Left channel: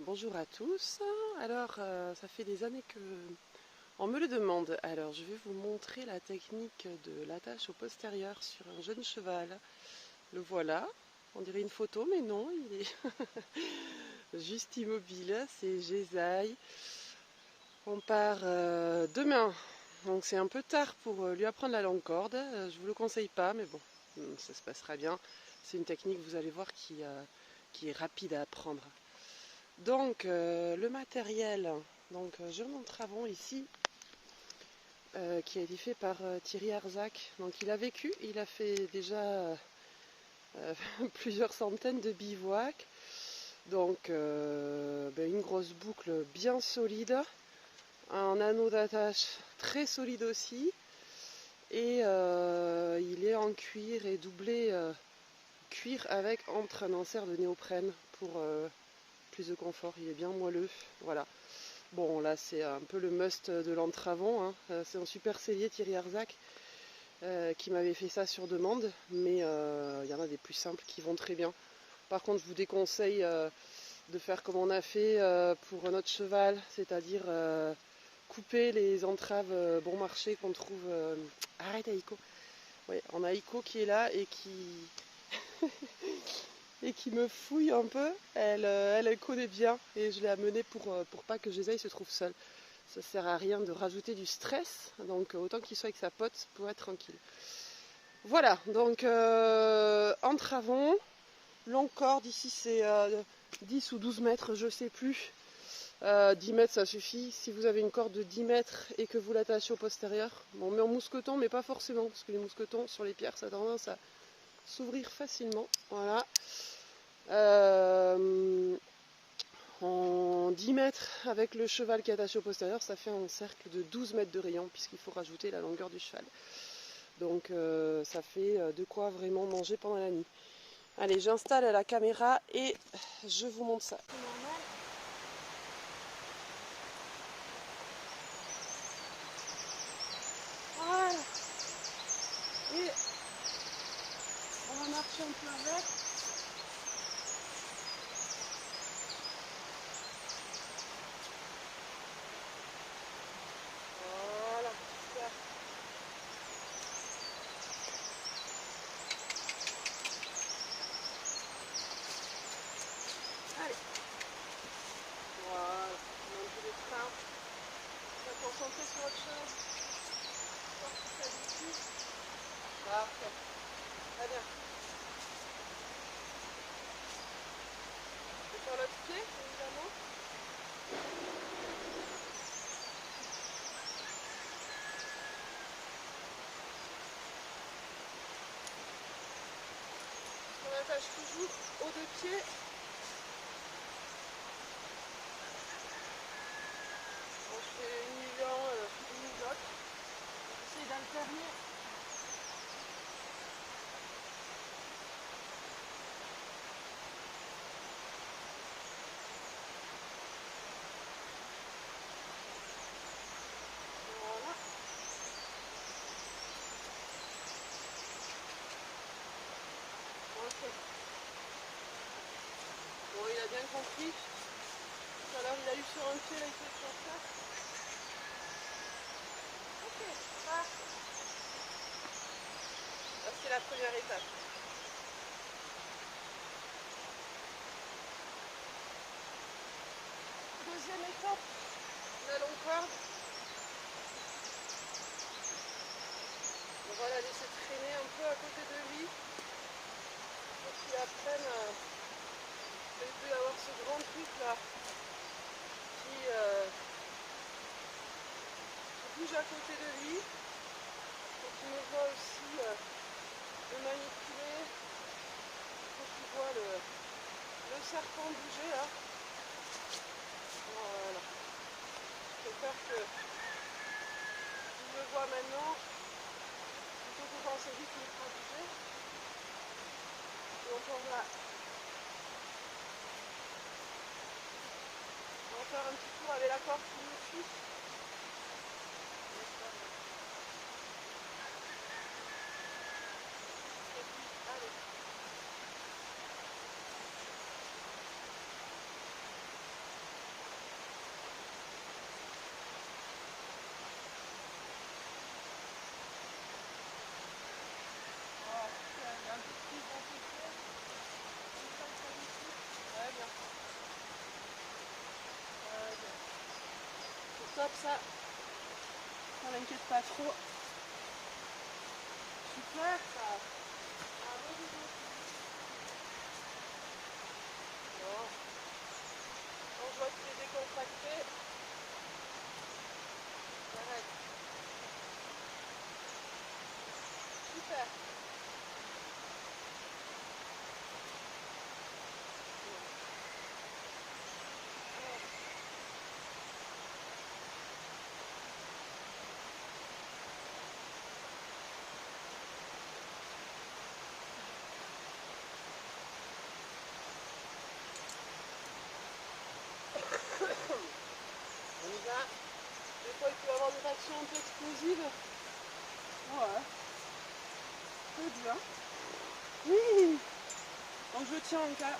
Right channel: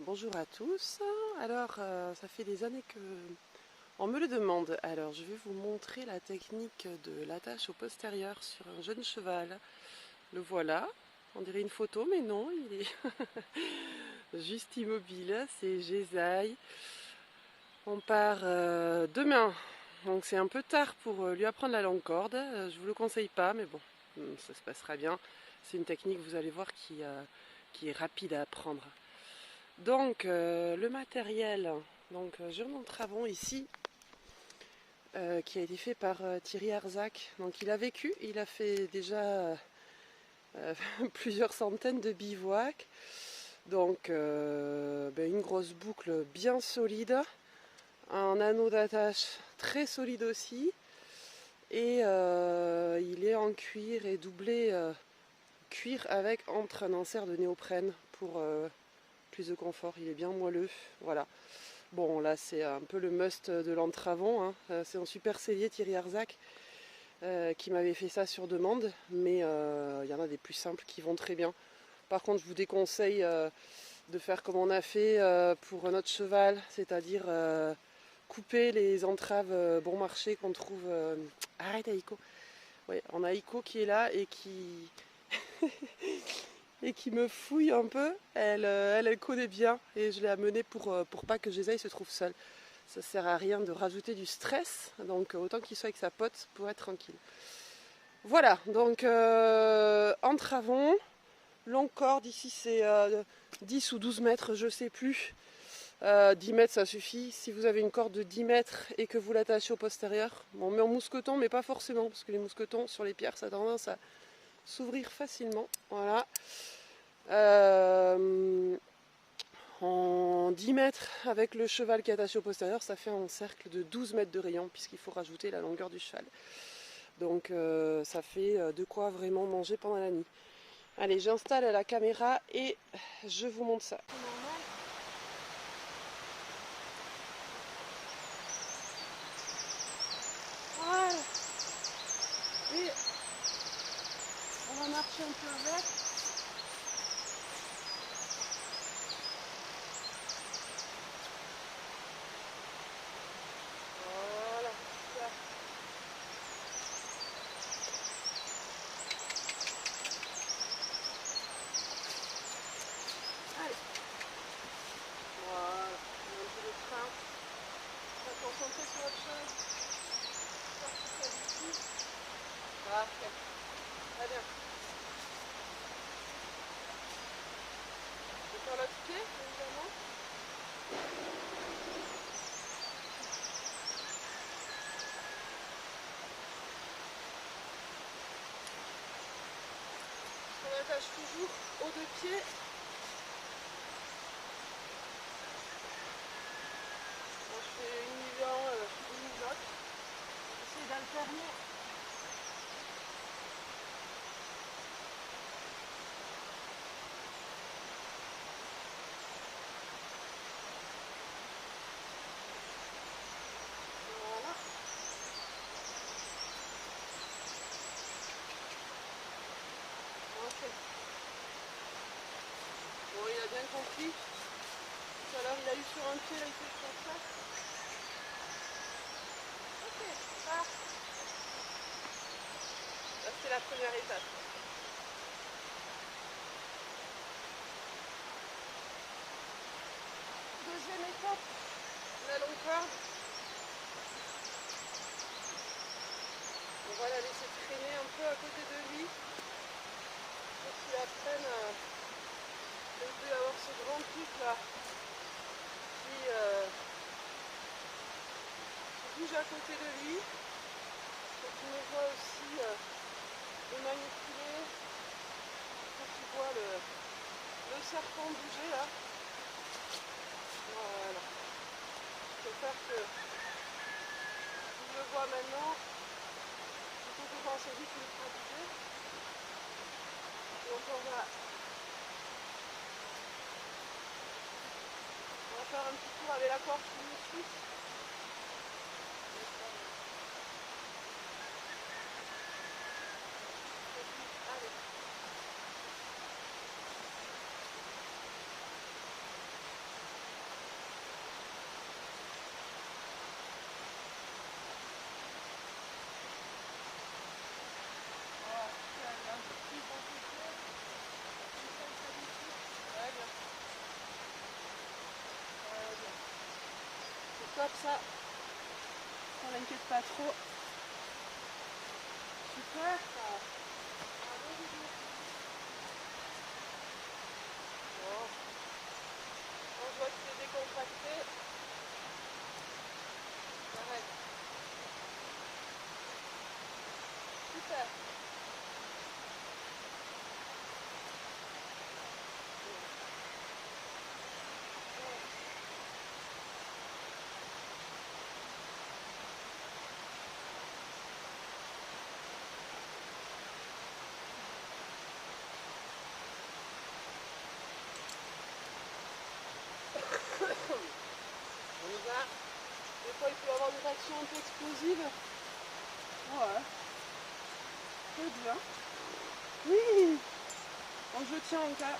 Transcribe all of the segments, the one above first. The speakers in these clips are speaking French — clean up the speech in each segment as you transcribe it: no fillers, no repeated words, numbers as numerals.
Bonjour à tous. Alors, ça fait des années que on me le demande. Alors, je vais vous montrer la technique de l'attache au postérieur sur un jeune cheval. Le voilà. On dirait une photo, mais non, il est juste immobile. C'est Jésaï. On part demain. Donc, c'est un peu tard pour lui apprendre la longue corde. Je vous le conseille pas, mais bon, ça se passera bien. C'est une technique, vous allez voir, qui est rapide à apprendre. Donc le matériel, Jeune en Travon ici, qui a été fait par Thierry Arzac. Donc il a vécu, il a fait déjà plusieurs centaines de bivouacs. Donc une grosse boucle bien solide, un anneau d'attache très solide aussi, et il est en cuir et doublé cuir avec entre un insert de néoprène pour plus de confort. Il est bien moelleux, voilà. Bon, là, c'est un peu le must de l'Entravon, hein. C'est un super sellier, Thierry Arzac, qui m'avait fait ça sur demande, mais il y en a des plus simples qui vont très bien. Par contre, je vous déconseille de faire comme on a fait pour notre cheval, c'est-à-dire couper les entraves bon marché qu'on trouve. Arrête, Aïko. Ouais, on a Aïko qui est là et qui et qui me fouille un peu. Elle connaît bien et je l'ai amenée pour pas que Jésaï se trouve seul. Ça sert à rien de rajouter du stress, donc autant qu'il soit avec sa pote pour être tranquille. Voilà, donc entravon, longue corde, ici c'est 10 ou 12 mètres, je sais plus. 10 mètres ça suffit. Si vous avez une corde de 10 mètres et que vous l'attachez au postérieur, bon, on met en mousqueton, mais pas forcément, parce que les mousquetons sur les pierres ça a tendance à s'ouvrir facilement. Voilà. En 10 mètres avec le cheval qui est attaché au postérieur, ça fait un cercle de 12 mètres de rayon puisqu'il faut rajouter la longueur du cheval. Donc ça fait de quoi vraiment manger pendant la nuit. Allez, j'installe la caméra et je vous montre ça. Voilà. Et on va marcher un peu avec. Voilà, super. Allez. Voilà, on a un peu de train. On va se concentrer sur autre chose. Sortir ça d'ici. Parfait. Très bien. Je vais faire l'autre pied, évidemment. On attache toujours aux deux pieds. Bon, je fais une nuit l'un, une nuit l'autre. J'essaie d'alterner. Voilà. Ok. Bon, il a bien compris. Tout à l'heure, il a eu sur un pied, là, il fait sur ça. Ok, parfait. Là, c'est la première étape. Deuxième étape, la longue corde. On va la laisser traîner un peu à côté de lui. Pour qu'il apprenne à... Il peut y avoir ce grand pic là qui bouge à côté de lui. Faut qu'il me voit aussi le manipuler. Faut qu'il voit le serpent bouger là. Voilà. Il faut faire que il le voit maintenant. Plutôt que quand c'est lui qui le fera bouger. Donc on va faire un petit tour avec la corde qui nous suit. Allez. stop ça. On n'inquiète pas trop. Super ça. Bon. On voit que c'est décontracté. Arrête. Super. On y va. Des fois, il peut y avoir des réactions un peu explosives. Ouais. Très bien. Oui. Donc je tiens en cas.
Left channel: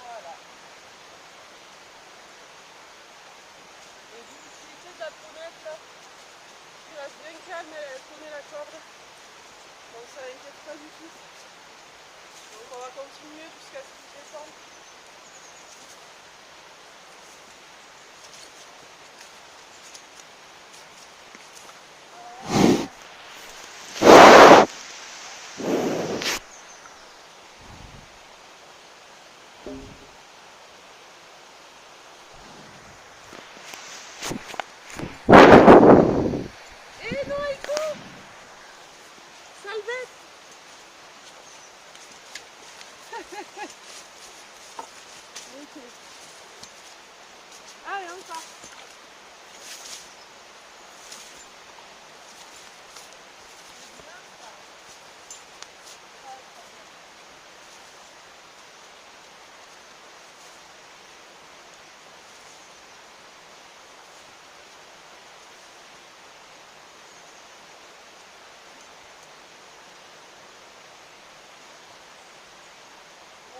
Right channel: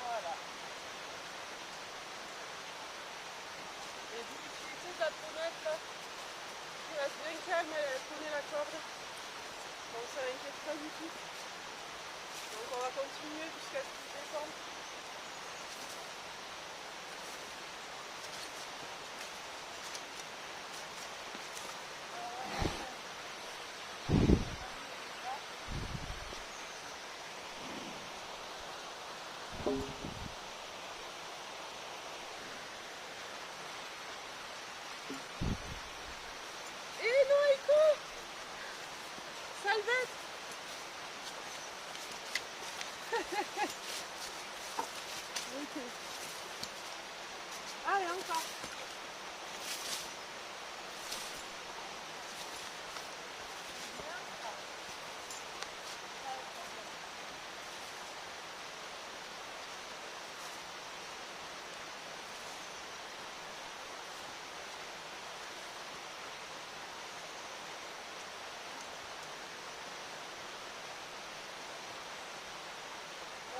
Voilà. Et vous utilisez la pommette là. Je reste bien calme, elle prenait la corde. Donc ça n'inquiète pas du tout. Donc on va continuer jusqu'à ce qu'il descende. Et non, il court. Salvette. Ok. Allez, encore.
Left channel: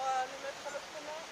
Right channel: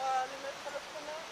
On va le mettre à l'autre main.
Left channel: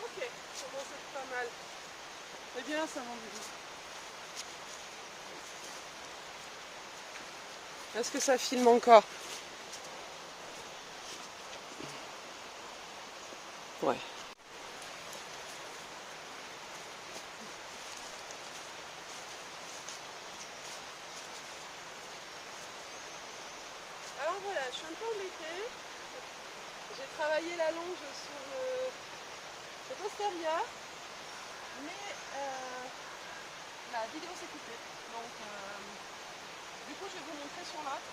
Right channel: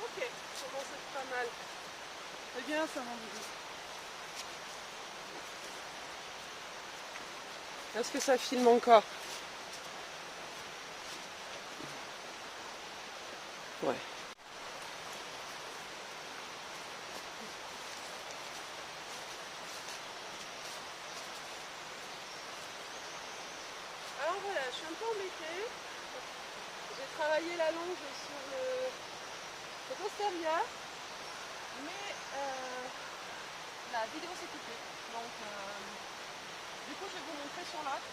Ok, ça commence à être pas mal. C'est bien ça, mon bébé. Est-ce que ça filme encore? Ouais. Alors voilà, je suis un peu embêtée. J'ai travaillé la longe sur le Posteria, mais la vidéo s'est coupée. Donc du coup, je vais vous montrer sur l'autre.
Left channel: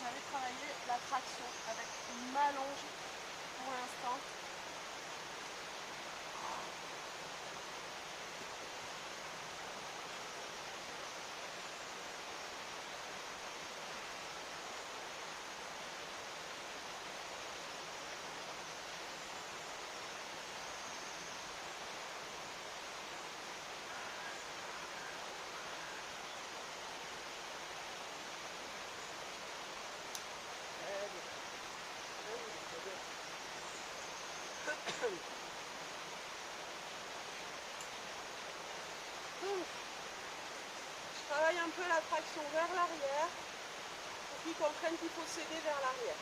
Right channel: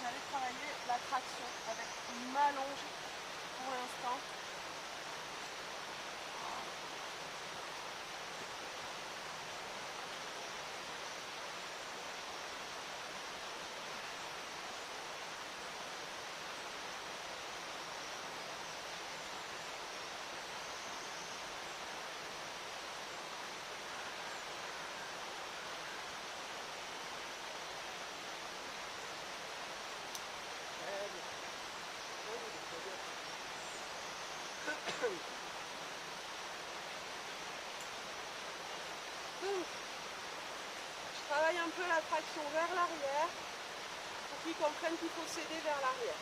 J'avais travaillé la traction avec ma longe pour l'instant. un peu la traction vers l'arrière pour qu'ils comprennent qu'il faut s'aider vers l'arrière.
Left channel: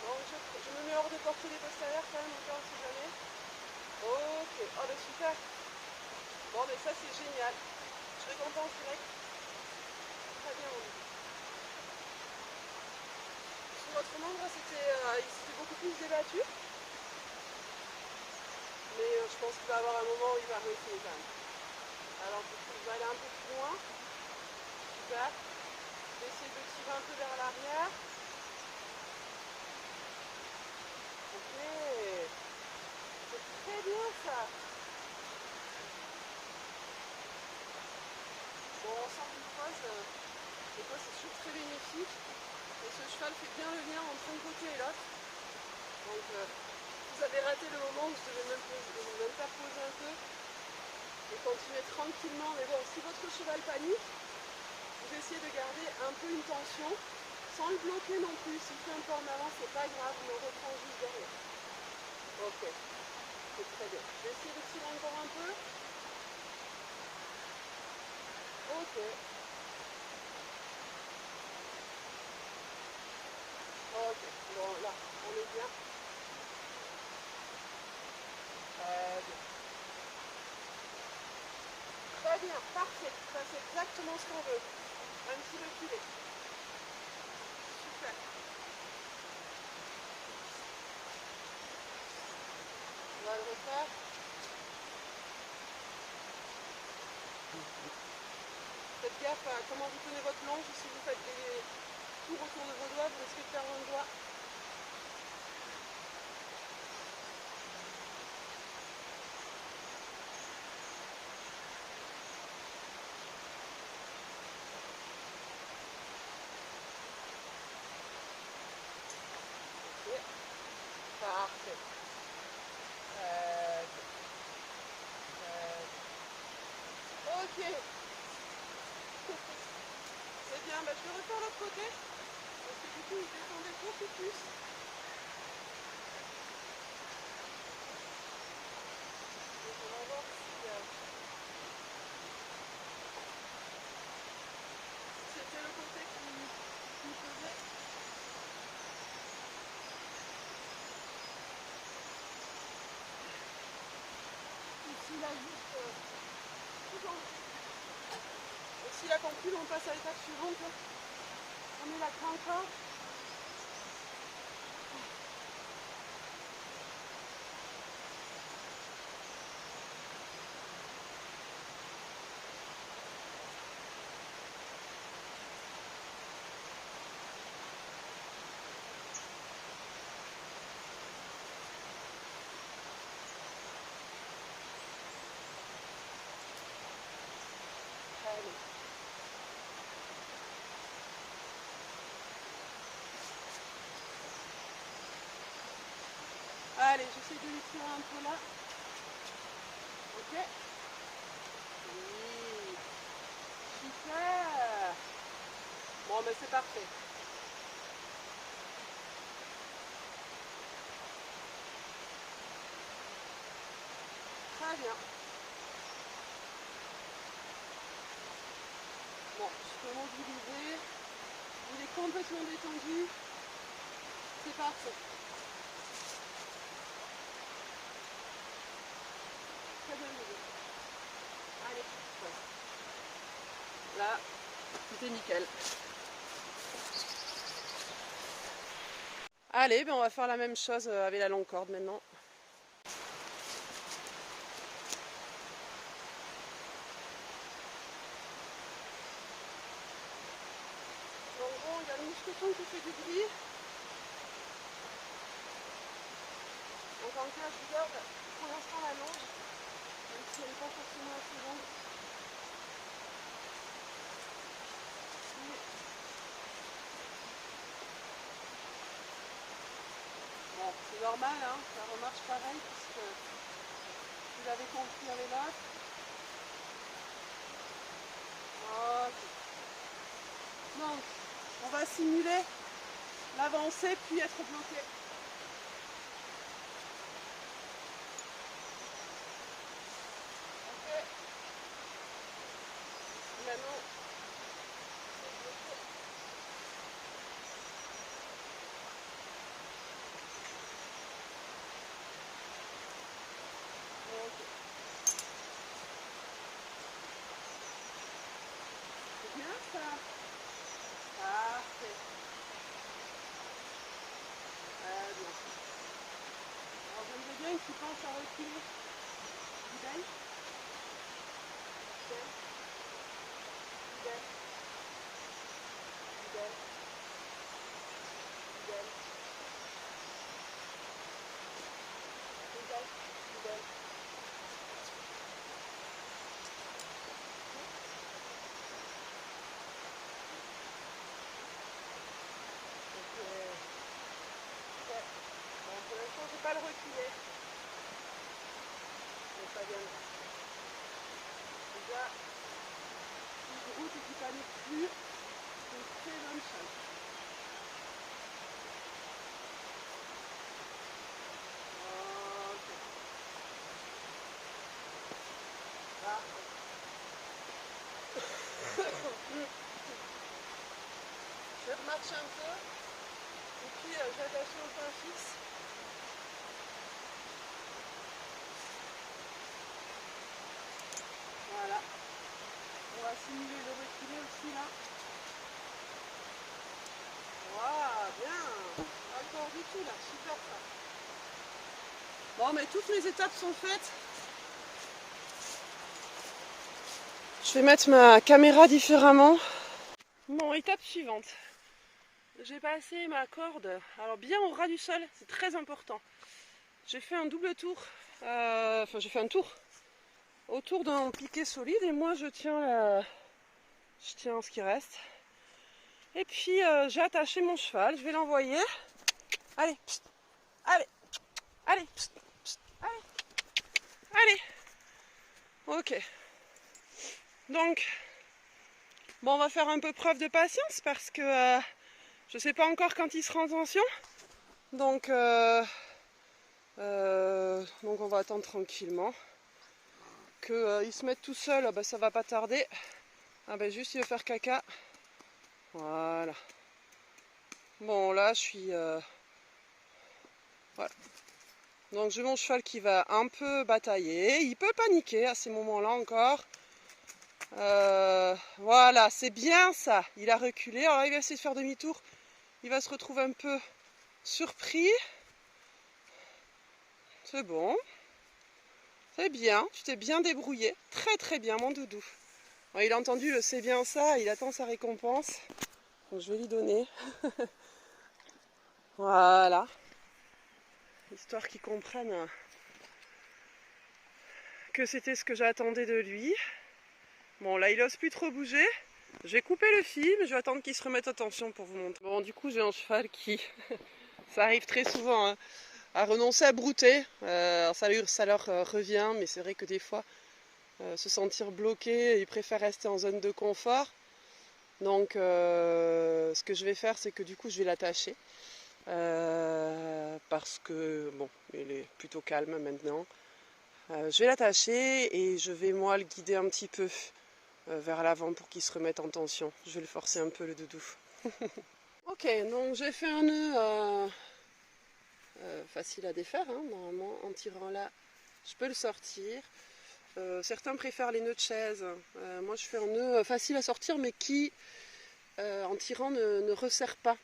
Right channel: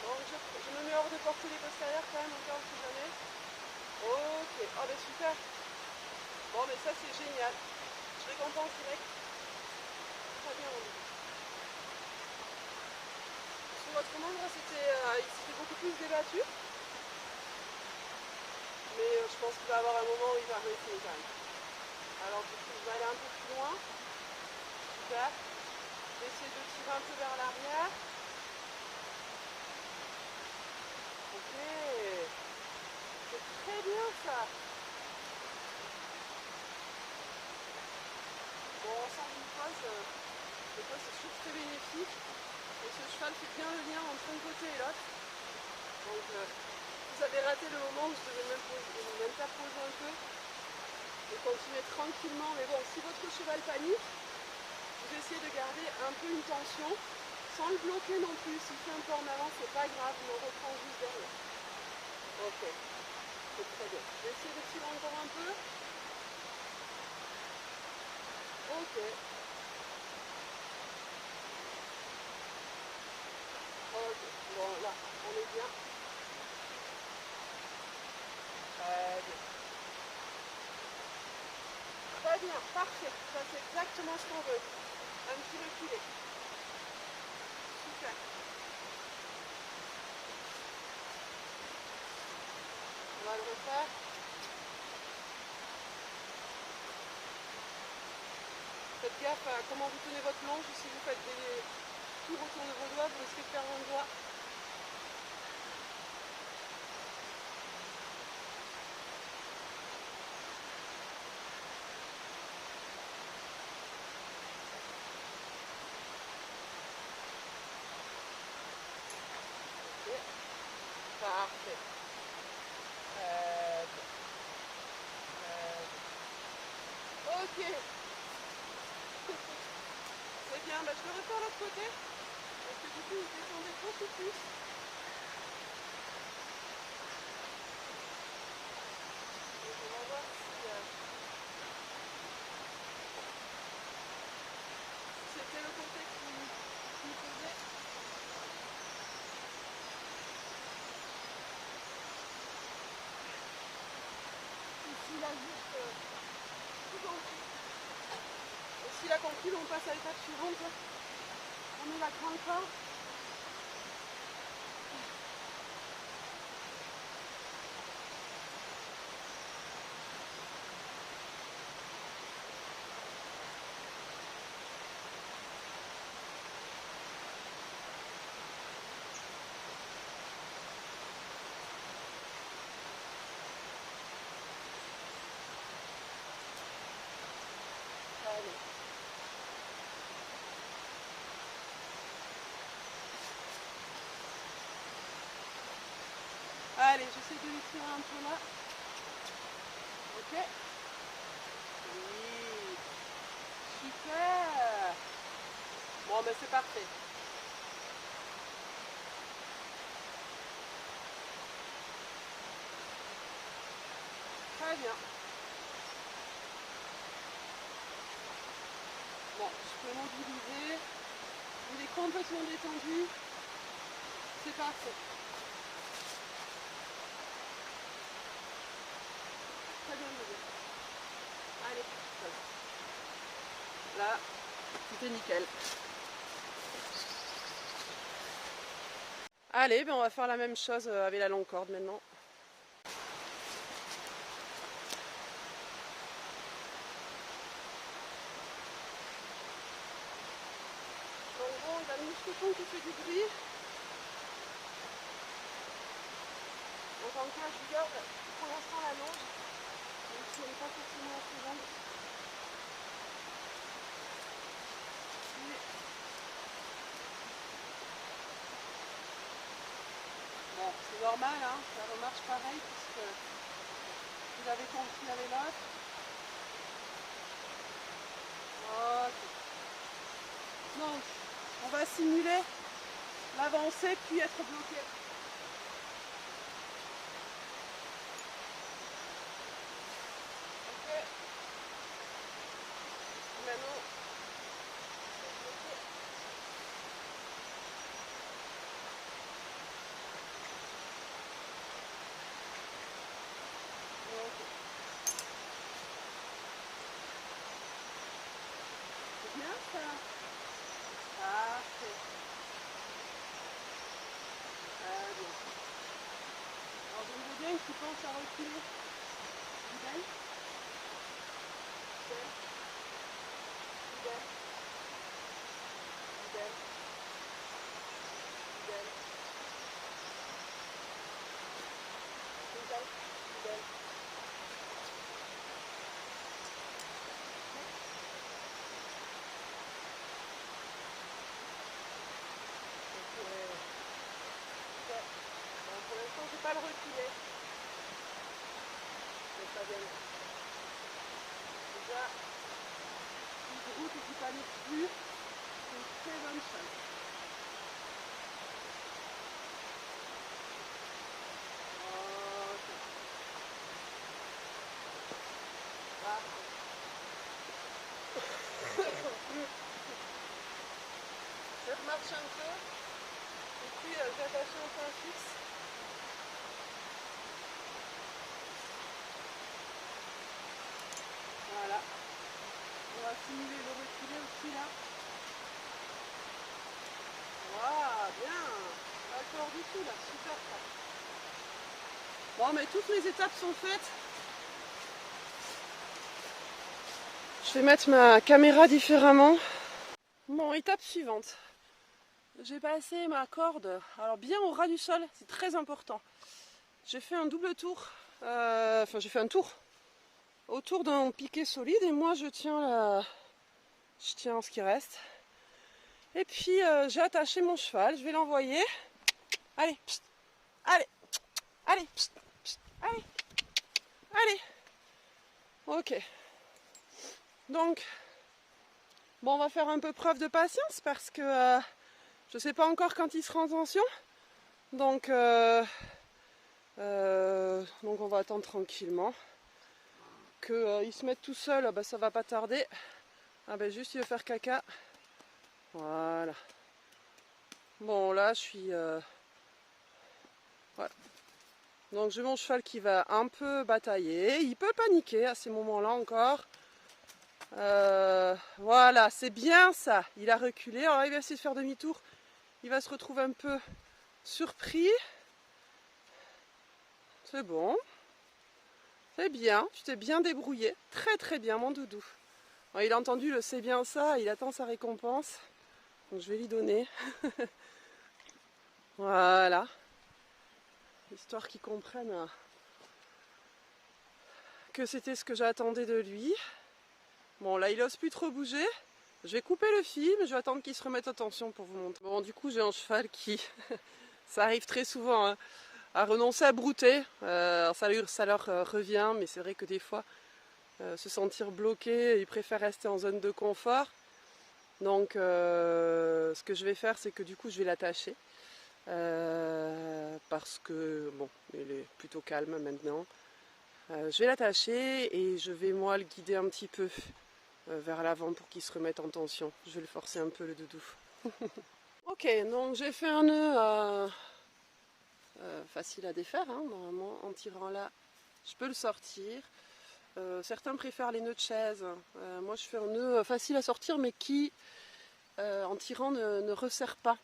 Donc je me mets hors de portée les postérieurs quand même, encore si jamais. Ok, oh ben super. Bon mais ça c'est génial. Je récompense direct. Très bien mon bébé. Parce que votre membre il s'était beaucoup plus débattu. Mais je pense qu'il va y avoir un moment où il va arrêter quand même. Alors du coup je vais aller un peu plus loin. Super. J'essaie de tirer un peu vers l'arrière. Ok. C'est très bien ça. Bon, on sort d'une pause. Des fois c'est toujours très bénéfique. Et ce cheval fait bien le lien entre un côté et l'autre. Donc vous avez raté le moment où je devais m'interposer un peu et continuer tranquillement. Mais bon, si votre cheval panique, vous essayez de garder un peu une tension sans le bloquer non plus. S'il fait un peu en avant, c'est pas grave, on reprend juste derrière. Ok, c'est très bien. Je vais essayer de tirer encore un peu. Ok. Ok, bon là, on est bien. Très bien. Très bien, parfait. Ça c'est exactement ce qu'on veut. Un petit reculé. Super. On va le refaire. Faites gaffe à comment vous tenez votre manche. Si vous faites des tours autour de vos doigts, vous risquez de perdre un doigt. Ok. Parfait. Ok. C'est bien. Bah, je vais refaire l'autre côté. Parce que du coup, il descendait beaucoup plus. Donc on va voir si c'était le côté qui me faisait. Ici, il a juste tout compris. Et s'il a compris, on passe à l'étape suivante. On met la corde. Allez. Allez, j'essaie de lui tirer un peu là. Ok. Oui. Super. Bon, mais c'est parfait. Très bien. Bon, je peux mobiliser. Il est complètement détendu. C'est parfait. Très bien, bébé. Allez. Là, tout est nickel. Allez, ben on va faire la même chose avec la longue corde maintenant. Donc bon, il y a le mousqueton qui fait du bruit. Donc en cas, je garde pour l'instant la longue, même si elle n'est pas forcément assez longue. Bon, c'est normal, hein, ça remarche pareil puisque vous avez compris à l'élève. Ok. Donc, on va simuler l'avancée puis être bloqué. Ok. Maintenant, ça. Parfait. Très bien. Alors j'aimerais bien que tu penses à reculer. Fidèle. Fidèle. Fidèle. Fidèle. Fidèle. Fidèle. Fidèle. Bon, pour l'instant, je ne vais pas le reculer. Mais ça viendra. Déjà, si je route et qu'il panique plus, c'est une très bonne chose. Ok. Parfait. Je remarche un peu. Et puis, j'attache mon pain fixe. Voilà. On va simuler le reculer aussi là. Waouh, bien. Encore du tout là, super ça. Bon, mais toutes les étapes sont faites. Je vais mettre ma caméra différemment. Bon, étape suivante. J'ai passé ma corde, alors bien au ras du sol, c'est très important. J'ai fait un double tour, j'ai fait un tour autour d'un piquet solide et moi je tiens ce qui reste. Et puis j'ai attaché mon cheval, je vais l'envoyer. Allez, pst, allez, allez, pst, pst, allez, allez. Ok. Donc, bon, on va faire un peu preuve de patience parce que je ne sais pas encore quand il sera en tension. Donc on va attendre tranquillement. Qu'il se mette tout seul, ça va pas tarder. Juste il veut faire caca. Voilà. Bon là je suis... voilà. Donc j'ai mon cheval qui va un peu batailler. Il peut paniquer à ces moments-là encore. Voilà, c'est bien ça. Il a reculé. Alors là, il va essayer de faire demi-tour. Il va se retrouver un peu surpris. C'est bon. C'est bien. Tu t'es bien débrouillé. Très très bien, mon doudou. Alors, il a entendu le c'est bien ça. Il attend sa récompense. Donc je vais lui donner. Voilà. Histoire qu'il comprenne que c'était ce que j'attendais de lui. Bon, là, il n'ose plus trop bouger. Je vais couper le film, je vais attendre qu'il se remette en tension pour vous montrer. Bon, du coup, j'ai un cheval qui, ça arrive très souvent, hein, à renoncer à brouter. Ça leur revient, mais c'est vrai que des fois, se sentir bloqué, ils préfèrent rester en zone de confort. Donc, ce que je vais faire, c'est que du coup, je vais l'attacher. Parce que, bon, il est plutôt calme maintenant. Je vais l'attacher et je vais, moi, le guider un petit peu vers l'avant pour qu'il se remette en tension. Je vais le forcer un peu, le doudou. Ok, donc j'ai fait un nœud facile à défaire, hein, normalement. En tirant là, je peux le sortir. Certains préfèrent les nœuds de chaise. Moi, je fais un nœud facile à sortir, mais qui, en tirant, ne resserre pas.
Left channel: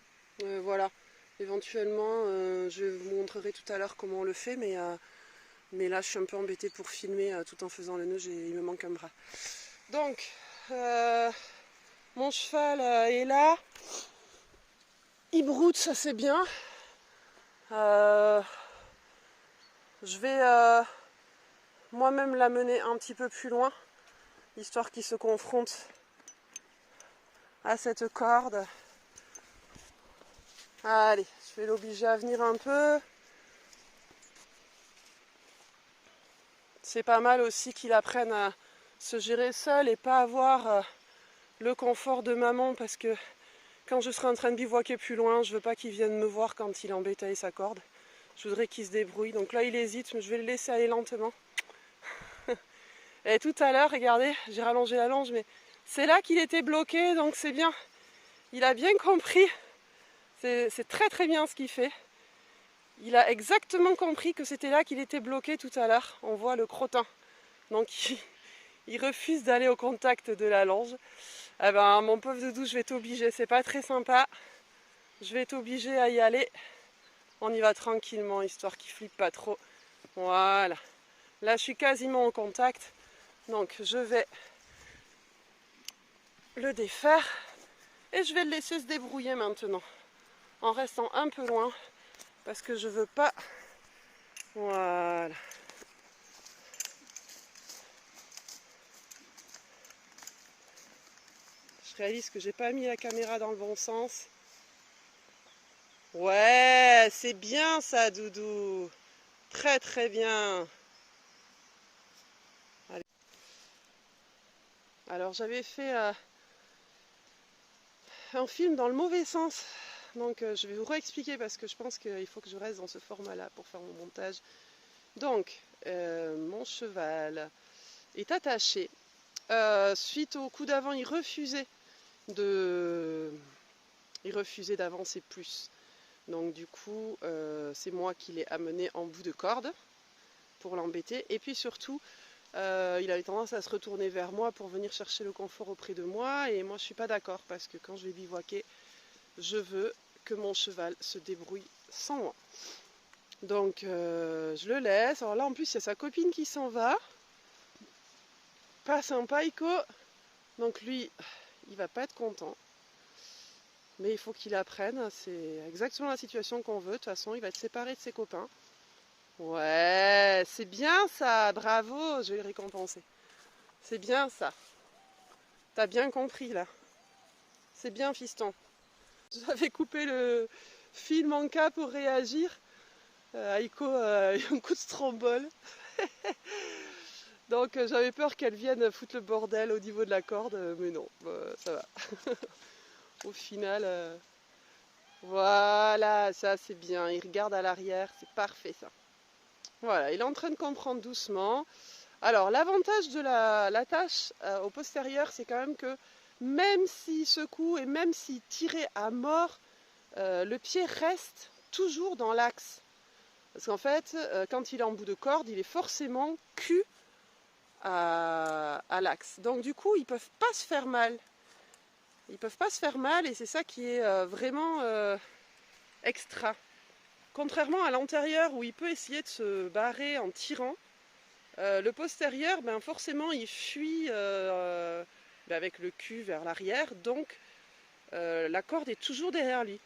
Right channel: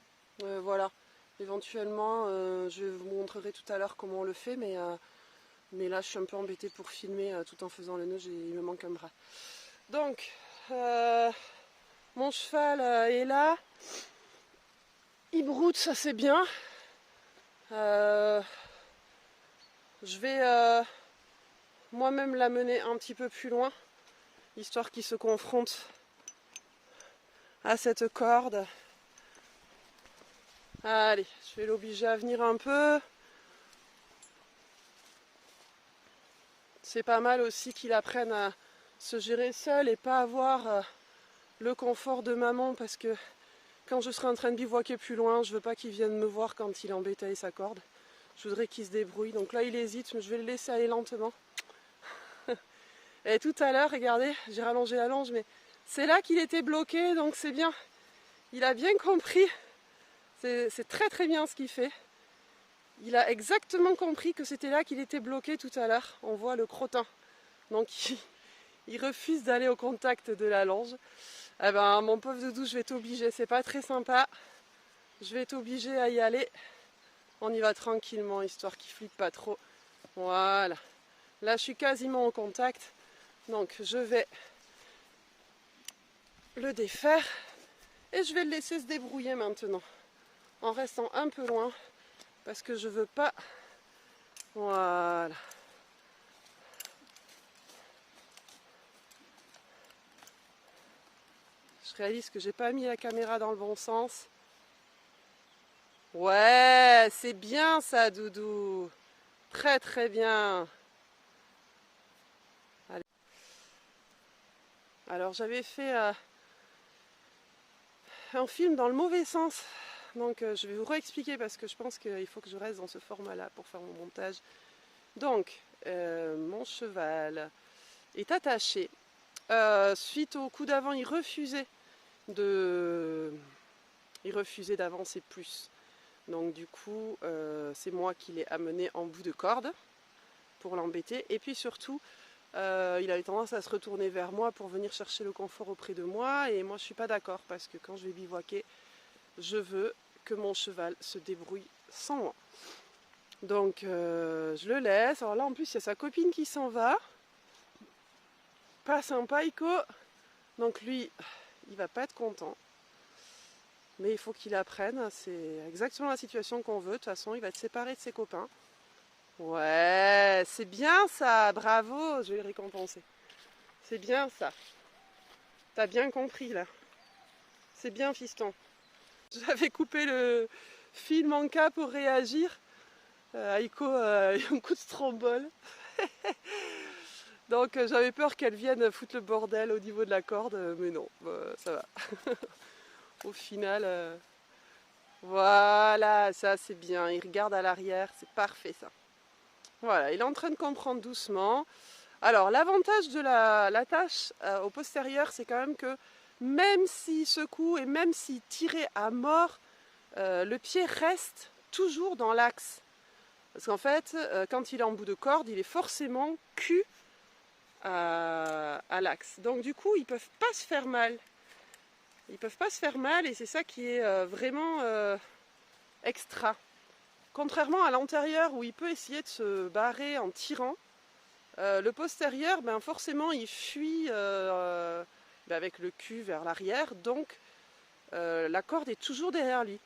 Voilà. Éventuellement, je vous montrerai tout à l'heure comment on le fait, mais là, je suis un peu embêtée pour filmer tout en faisant le nœud. Il me manque un bras. Donc, mon cheval est là. Il broute, ça c'est bien. Je vais moi-même l'amener un petit peu plus loin, histoire qu'il se confronte à cette corde. Allez, je vais l'obliger à venir un peu. C'est pas mal aussi qu'il apprenne à se gérer seul et pas avoir le confort de maman, parce que quand je serai en train de bivouaquer plus loin, je veux pas qu'il vienne me voir quand il embêtait sa corde. Je voudrais qu'il se débrouille. Donc là, il hésite, mais je vais le laisser aller lentement. Et tout à l'heure, regardez, j'ai rallongé la longe, mais c'est là qu'il était bloqué, donc c'est bien. Il a bien compris. C'est très très bien ce qu'il fait. Il a exactement compris que c'était là qu'il était bloqué tout à l'heure. On voit le crottin. Donc il refuse d'aller au contact de la longe. Eh ben, mon pauvre doudou, je vais t'obliger, c'est pas très sympa. Je vais t'obliger à y aller. On y va tranquillement, histoire qu'il flippe pas trop. Voilà. Là, je suis quasiment en contact. Donc, je vais le défaire. Et je vais le laisser se débrouiller maintenant. En restant un peu loin. Parce que je veux pas... Voilà. Je réalise que j'ai pas mis la caméra dans le bon sens. Ouais, c'est bien ça, doudou. Très très bien. Allez. Alors j'avais fait un film dans le mauvais sens. Donc je vais vous réexpliquer parce que je pense qu'il faut que je reste dans ce format-là pour faire mon montage. Donc, mon cheval est attaché. Suite au coup d'avant, il refusait d'avancer plus. Donc du coup, c'est moi qui l'ai amené en bout de corde pour l'embêter. Et puis surtout, il avait tendance à se retourner vers moi pour venir chercher le confort auprès de moi. Et moi, je ne suis pas d'accord parce que quand je vais bivouaquer, je veux que mon cheval se débrouille sans moi. Donc, je le laisse. Alors là, en plus, il y a sa copine qui s'en va. Pas sympa, Ico. Donc lui, il va pas être content. Mais il faut qu'il apprenne. C'est exactement la situation qu'on veut. De toute façon, il va être séparé de ses copains. Ouais, c'est bien ça. Bravo, je vais le récompenser. C'est bien ça. T'as bien compris là. C'est bien, fiston. J'avais coupé le film en cas pour réagir. Aiko a eu un coup de strombole. Donc j'avais peur qu'elle vienne foutre le bordel au niveau de la corde, mais non, ça va. Au final, voilà, ça c'est bien. Il regarde à l'arrière, c'est parfait ça. Voilà, il est en train de comprendre doucement. Alors l'avantage de l'attache au postérieur, c'est quand même que même s'il secoue et même s'il tirait à mort, le pied reste toujours dans l'axe. Parce qu'en fait, quand il est en bout de corde, il est forcément cul à l'axe. Donc du coup, ils ne peuvent pas se faire mal. Ils ne peuvent pas se faire mal et c'est ça qui est vraiment extra. Contrairement à l'antérieur où il peut essayer de se barrer en tirant, le postérieur, ben forcément, il fuit avec le cul vers l'arrière. Donc la corde est toujours derrière lui.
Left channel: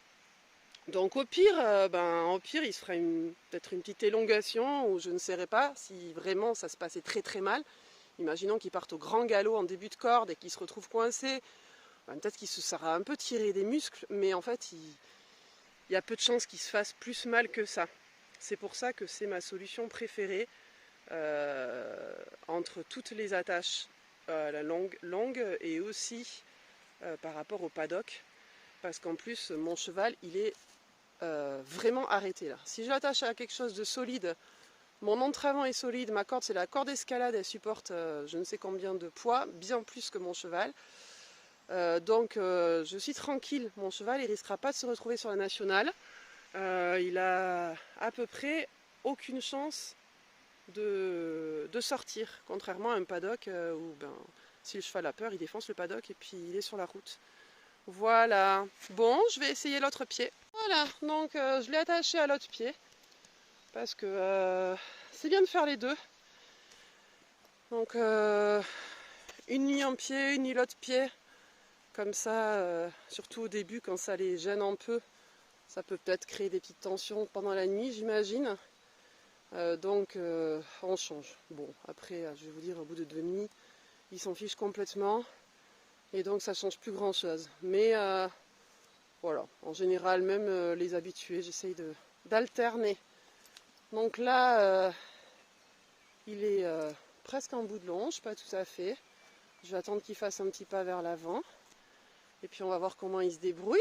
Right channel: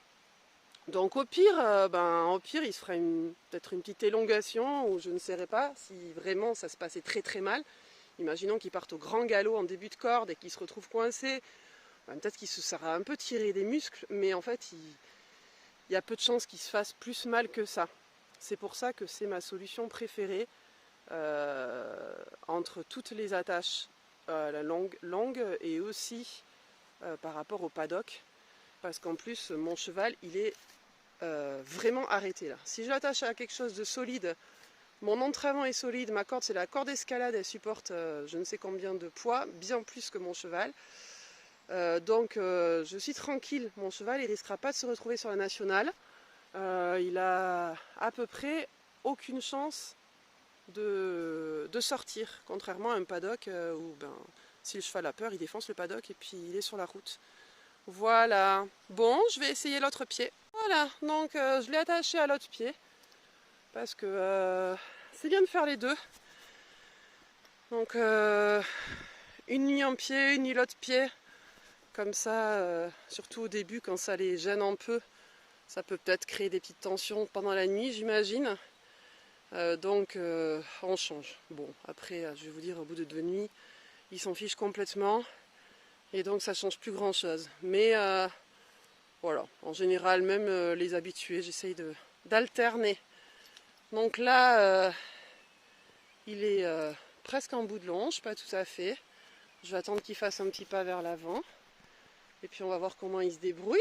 Donc au pire, il se ferait peut-être une petite élongation ou je ne sais pas si vraiment ça se passait très très mal. Imaginons qu'il parte au grand galop en début de corde et qu'il se retrouve coincé. Ben, peut-être qu'il se sera un peu tiré des muscles, mais en fait il y a peu de chances qu'il se fasse plus mal que ça. C'est pour ça que c'est ma solution préférée entre toutes les attaches, la longue et aussi par rapport au paddock. Parce qu'en plus mon cheval il est vraiment arrêté là. Si je l'attache à quelque chose de solide, mon entraînement est solide, ma corde c'est la corde escalade, elle supporte je ne sais combien de poids, bien plus que mon cheval. Donc je suis tranquille, mon cheval il risquera pas de se retrouver sur la nationale. Il a à peu près aucune chance de sortir, contrairement à un paddock où si le cheval a peur, il défonce le paddock et puis il est sur la route. Voilà. Bon, je vais essayer l'autre pied. Voilà, donc je l'ai attaché à l'autre pied parce que c'est bien de faire les deux. Donc une nuit en pied, une nuit l'autre pied. Comme ça, surtout au début, quand ça les gêne un peu, ça peut peut-être créer des petites tensions pendant la nuit, j'imagine. Donc on change. Bon, après, je vais vous dire, au bout de 2 nuits, ils s'en fichent complètement. Et donc ça change plus grand-chose. Mais voilà, en général, même les habitués, j'essaye d'alterner. Donc là, il est presque en bout de longe, pas tout à fait. Je vais attendre qu'il fasse un petit pas vers l'avant. Et puis on va voir comment il se débrouille.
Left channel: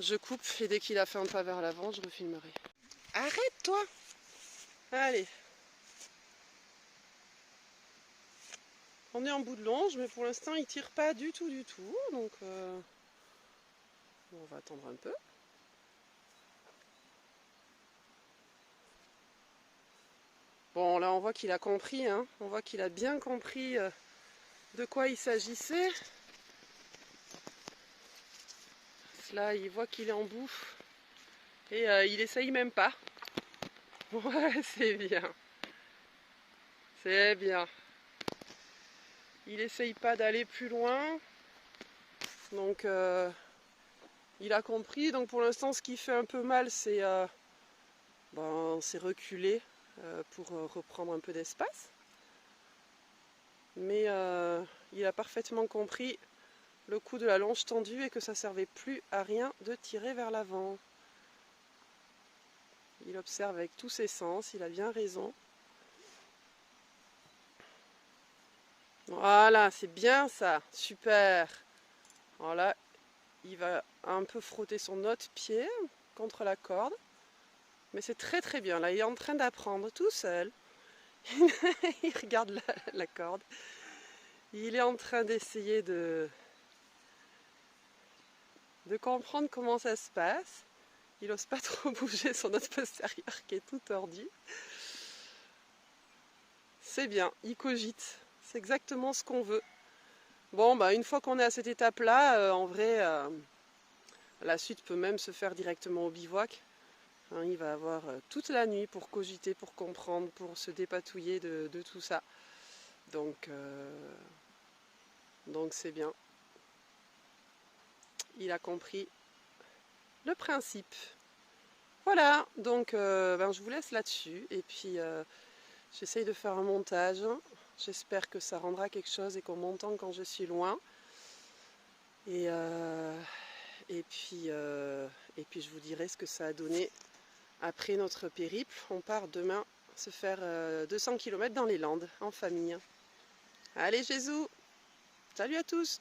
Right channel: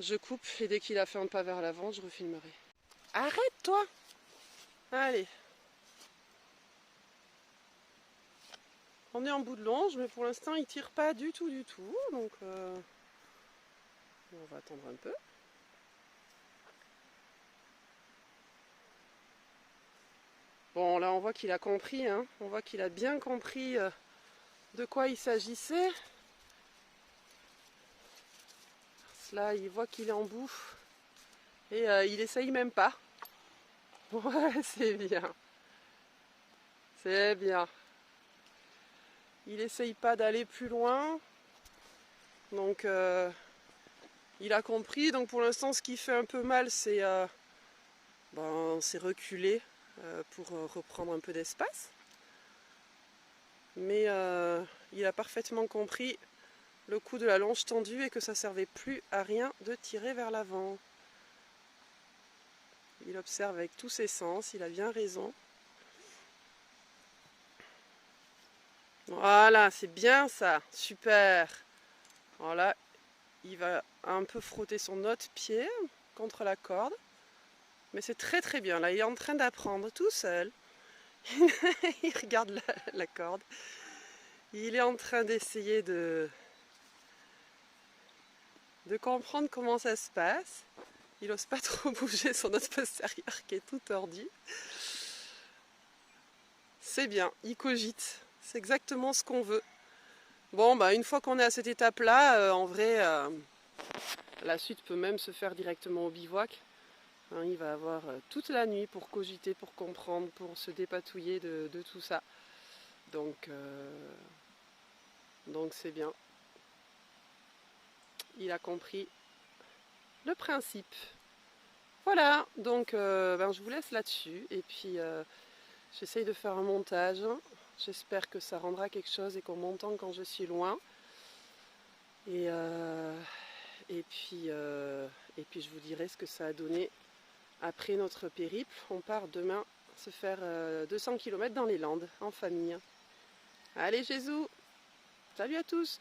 Je coupe et dès qu'il a fait un pas vers l'avant, je refilmerai. Arrête-toi! Allez. On est en bout de longe, mais pour l'instant, il tire pas du tout. Donc, on va attendre un peu. Bon, là, on voit qu'il a compris. Hein. On voit qu'il a bien compris de quoi il s'agissait. là, il voit qu'il est en bout. Et il essaye même pas. Ouais, c'est bien. C'est bien. Il essaye pas d'aller plus loin. Donc il a compris. Donc pour l'instant, ce qui fait un peu mal, c'est reculer pour reprendre un peu d'espace. Mais il a parfaitement compris le coup de la longe tendue et que ça servait plus à rien de tirer vers l'avant. Il observe avec tous ses sens, il a bien raison. Voilà, c'est bien ça, super. Voilà, il va un peu frotter son autre pied contre la corde. Mais c'est très très bien, là il est en train d'apprendre tout seul. Il regarde la corde. Il est en train d'essayer de comprendre comment ça se passe. Il n'ose pas trop bouger son os postérieur qui est tout tordu. C'est bien, il cogite. C'est exactement ce qu'on veut. Bon, bah une fois qu'on est à cette étape-là, en vrai, la suite peut même se faire directement au bivouac. Hein, il va avoir toute la nuit pour cogiter, pour comprendre, pour se dépatouiller de tout ça. Donc c'est bien. Il a compris le principe. Voilà, donc je vous laisse là-dessus. Et puis j'essaye de faire un montage. J'espère que ça rendra quelque chose et qu'on m'entend quand je suis loin. Et puis je vous dirai ce que ça a donné après notre périple. On part demain se faire 200 km dans les Landes en famille. Allez Jésus, salut à tous!